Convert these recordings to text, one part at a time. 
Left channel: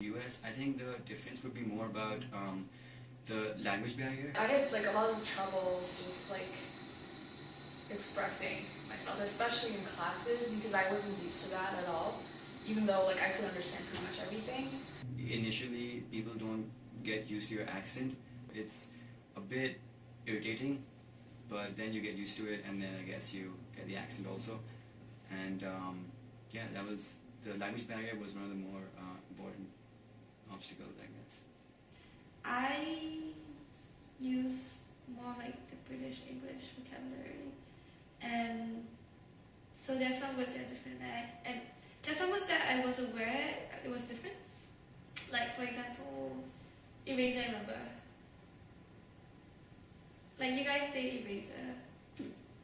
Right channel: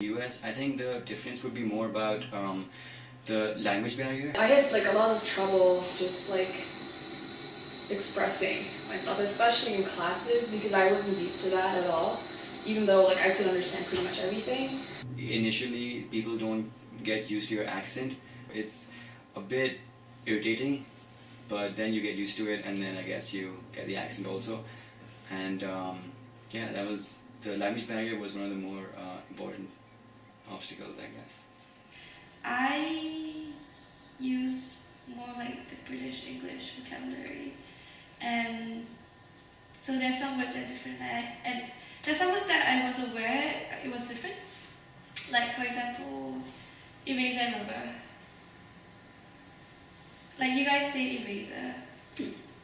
US, I think the difference would be more about the language barrier. I had like a lot of trouble just like expressing myself, especially in classes, because I wasn't used to that at all, even though like I could understand pretty much everything. Initially, people don't get used to your accent. It's a bit irritating, but then you get used to it, and then I guess you get the accent also. And yeah, the language barrier was one of the more important obstacles, I guess. I use more like the British English vocabulary, and so there's some words that are different, and there's some words that I was aware it was different. Like for example, eraser and rubber. Like you guys say eraser,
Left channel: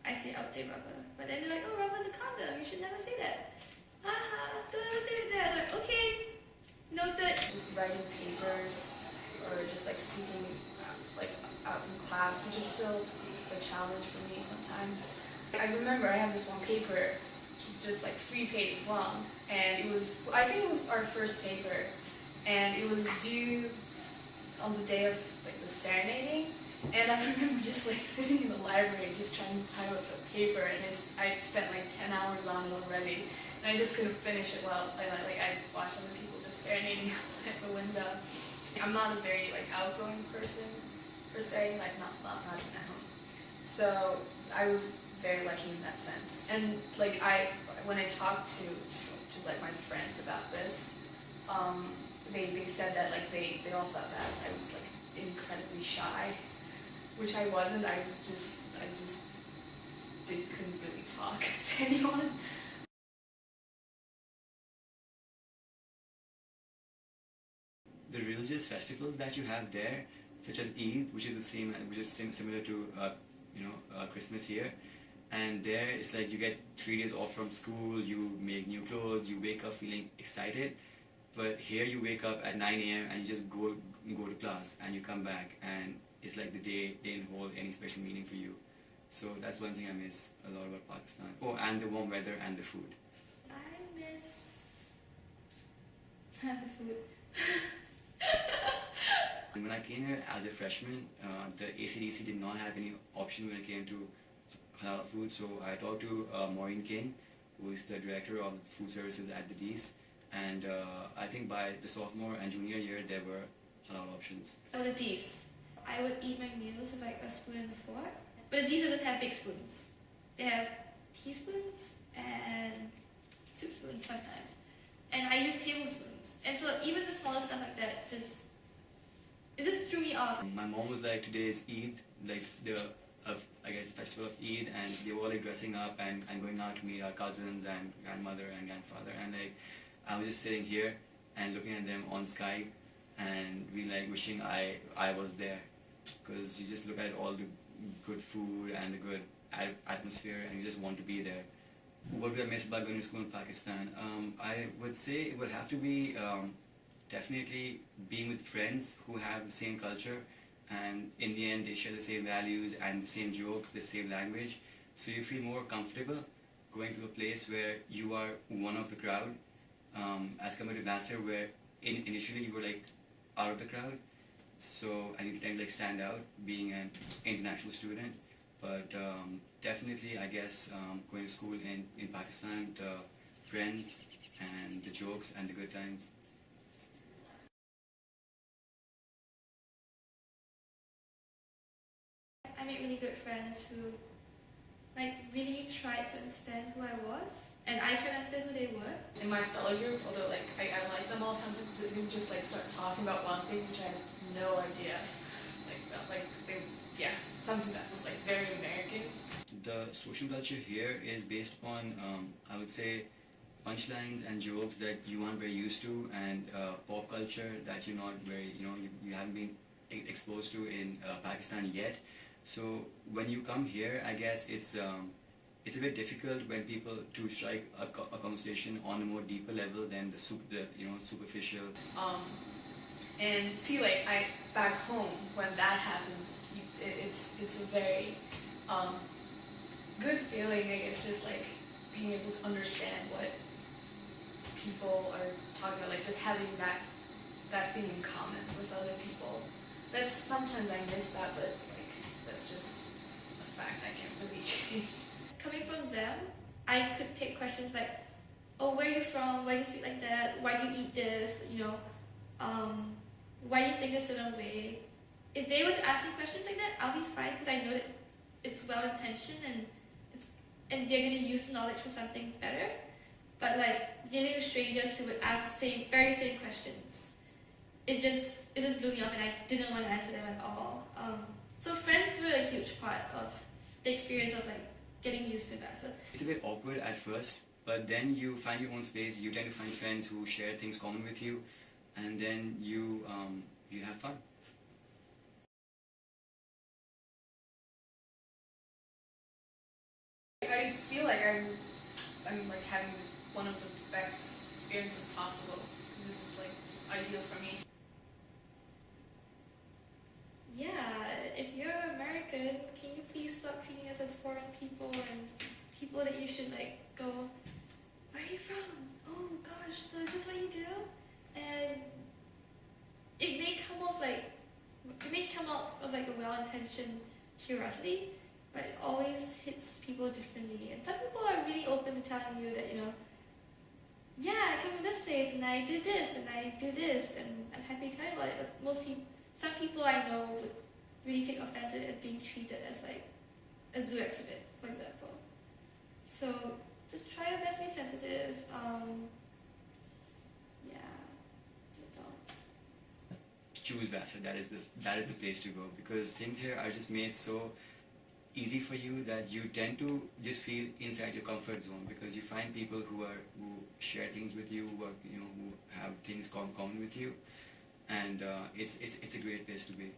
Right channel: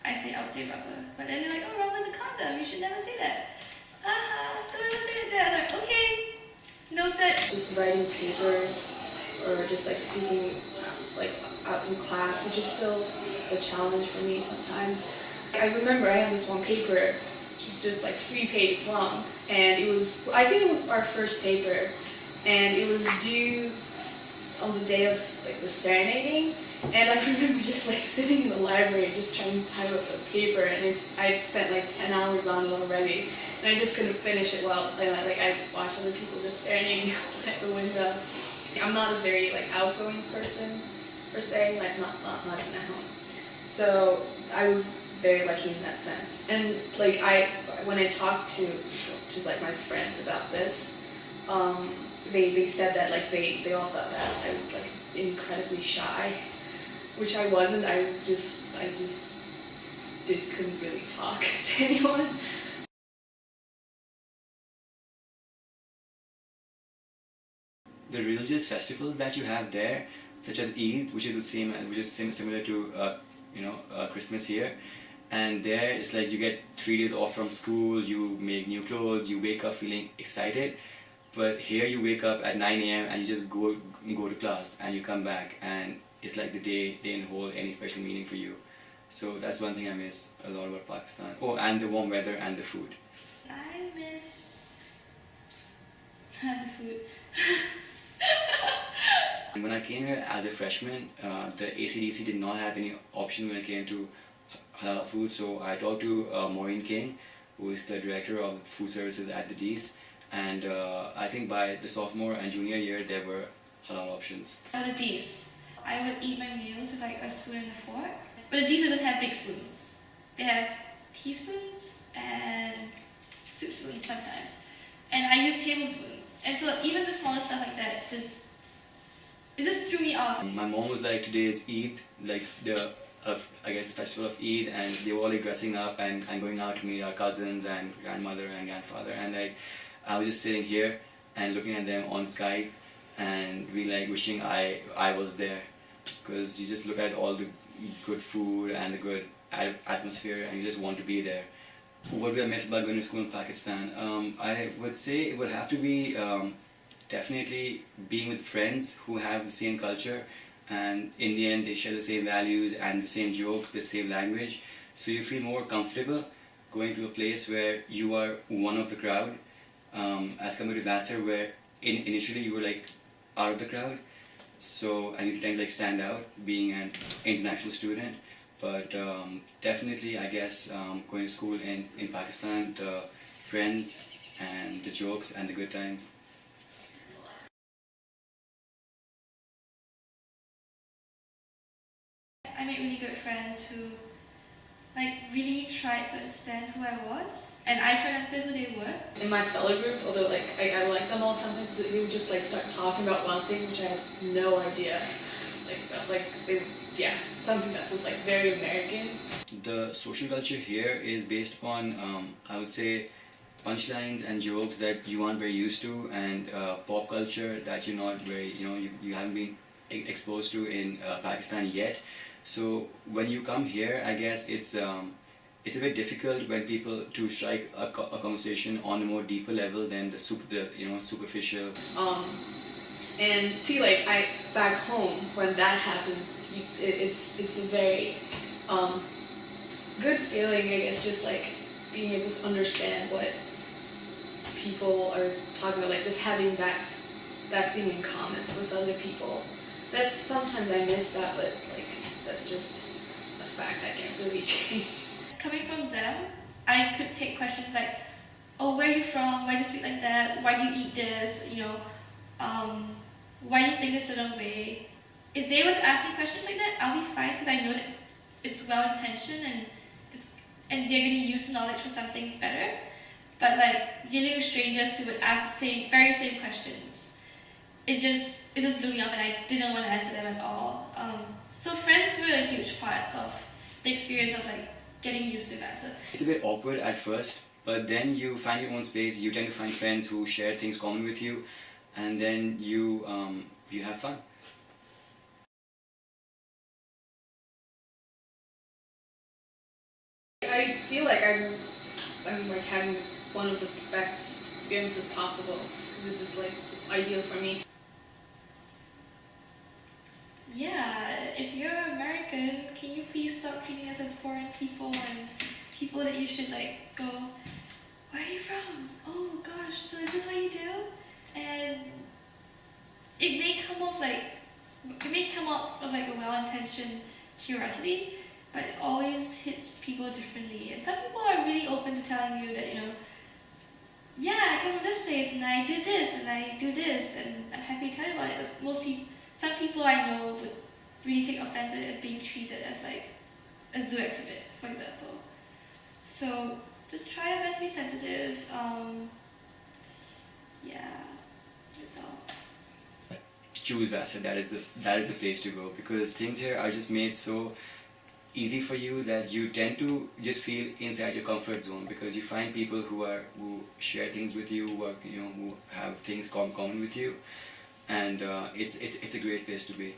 I would say rubber, but then they're like, oh, rubber's a condom, you should never say that. Don't ever say that there. I was like, okay, noted. Just writing papers or just like speaking like out in class, which is still a challenge for me sometimes. I remember I had this one paper which was just like 3 pages long, and I think it was our first paper, and it was due on the day of like the serenading, and I remember just like sitting in the library just trying to type up the paper, and I had spent like 10 hours on it already, and I just couldn't finish it well, and like I watched other people just serenading outside the window. I'm not a very like outgoing person per se, like not even at home. So I was very lucky in that sense. And like when I talked to like my friends about this, they said that like they all thought that I was like incredibly shy, which I wasn't. I just couldn't really talk to anyone. The religious festivals that you have there, such as Eid, which is similar to Christmas here, and there it's like you get 3 days off from school, you make new clothes, you wake up feeling excited. But here you wake up at 9 a.m. and you just go to class, and you come back and it's like the day didn't hold any special meaning for you. So that's one thing I miss a lot about Pakistan. Oh, and the warm weather and the food. I miss the food. When I came here as a freshman, the ACDC did not have any option when it came to halal food, so I talked to Maureen King, who is the director of food services at the D's, and I think by the sophomore and junior year there were halal options. For the D's, I would eat my meals with like a spoon and a fork, but the D's doesn't have big spoons. They have teaspoons and soup spoons sometimes, and I use tablespoons, and so even the smallest stuff like that it just threw me off. My mom was like, today is Eid, like I guess the festival of Eid, and they were all like dressing up and going out to meet our cousins and grandmother and grandfather, and like I was just sitting here and looking at them on Skype and like wishing I was there, because you just look at all the good food and the good atmosphere and you just want to be there. What do I miss about going to school in Pakistan? I would say it would have to be definitely being with friends who have the same culture, and in the end they share the same values and the same jokes, the same language, so you feel more comfortable going to a place where you are one of the crowd, as compared to Vassar, where initially you were like out of the crowd, so and you tend to like stand out being an international student. But definitely I guess going to school in Pakistan, the friends and the jokes and the good times. I made really good friends who like really tried to understand who I was, and I tried to understand who they were. In my fellow group, although like I like them all, sometimes they would just like start talking about one thing which I had no idea. Something that was like very American. The social culture here is based upon I would say punchlines and jokes that you aren't very used to, and pop culture that you're not very you haven't been exposed to in Pakistan yet. So when you come here, I guess it's a bit difficult when people to strike a conversation on a more deeper level than the superficial. And see, like back home when that happens, it's a very good feeling, I guess, just like being able to understand what people are talking about, like just having that that being in common with other people. That's sometimes I miss that, but like that's just a fact I can't really change. Coming from them, I could take questions like, oh, where are you from? Why do you speak like that? Why do you eat this? Why do you think this certain way? If they were to ask me questions like that, I'll be fine because I know that it's well intentioned and they're going to use the knowledge for something better. But like dealing with strangers who would ask the very same questions, it just blew me off, and I didn't want to answer them at all. So friends were a huge part of the experience of like getting used to Vassar. It's a bit awkward at first, but then you find your own space. You tend to find friends who share things common with you, and then you have fun. I feel like I'm like having one of the best experiences possible. This is like just ideal for me. Yeah, if you're American, can you please stop treating us as foreign people and people that you should like go, where are you from? Oh gosh, so is this what you do? And it may come off of like a well-intentioned curiosity, but it always hits people differently. And some people are really open to telling you that, yeah, I come from this place and I do this and I do this and I'm happy to tell you about it. But some people I know would really take offense at being treated as like a zoo exhibit, for example. So just try your best to be sensitive. Yeah, that's all. Choose Vassar. That is the place to go, because things here are just made so easy for you that you tend to just feel inside your comfort zone, because you find people who share things with you, who have things common with you, and it's a great place to be.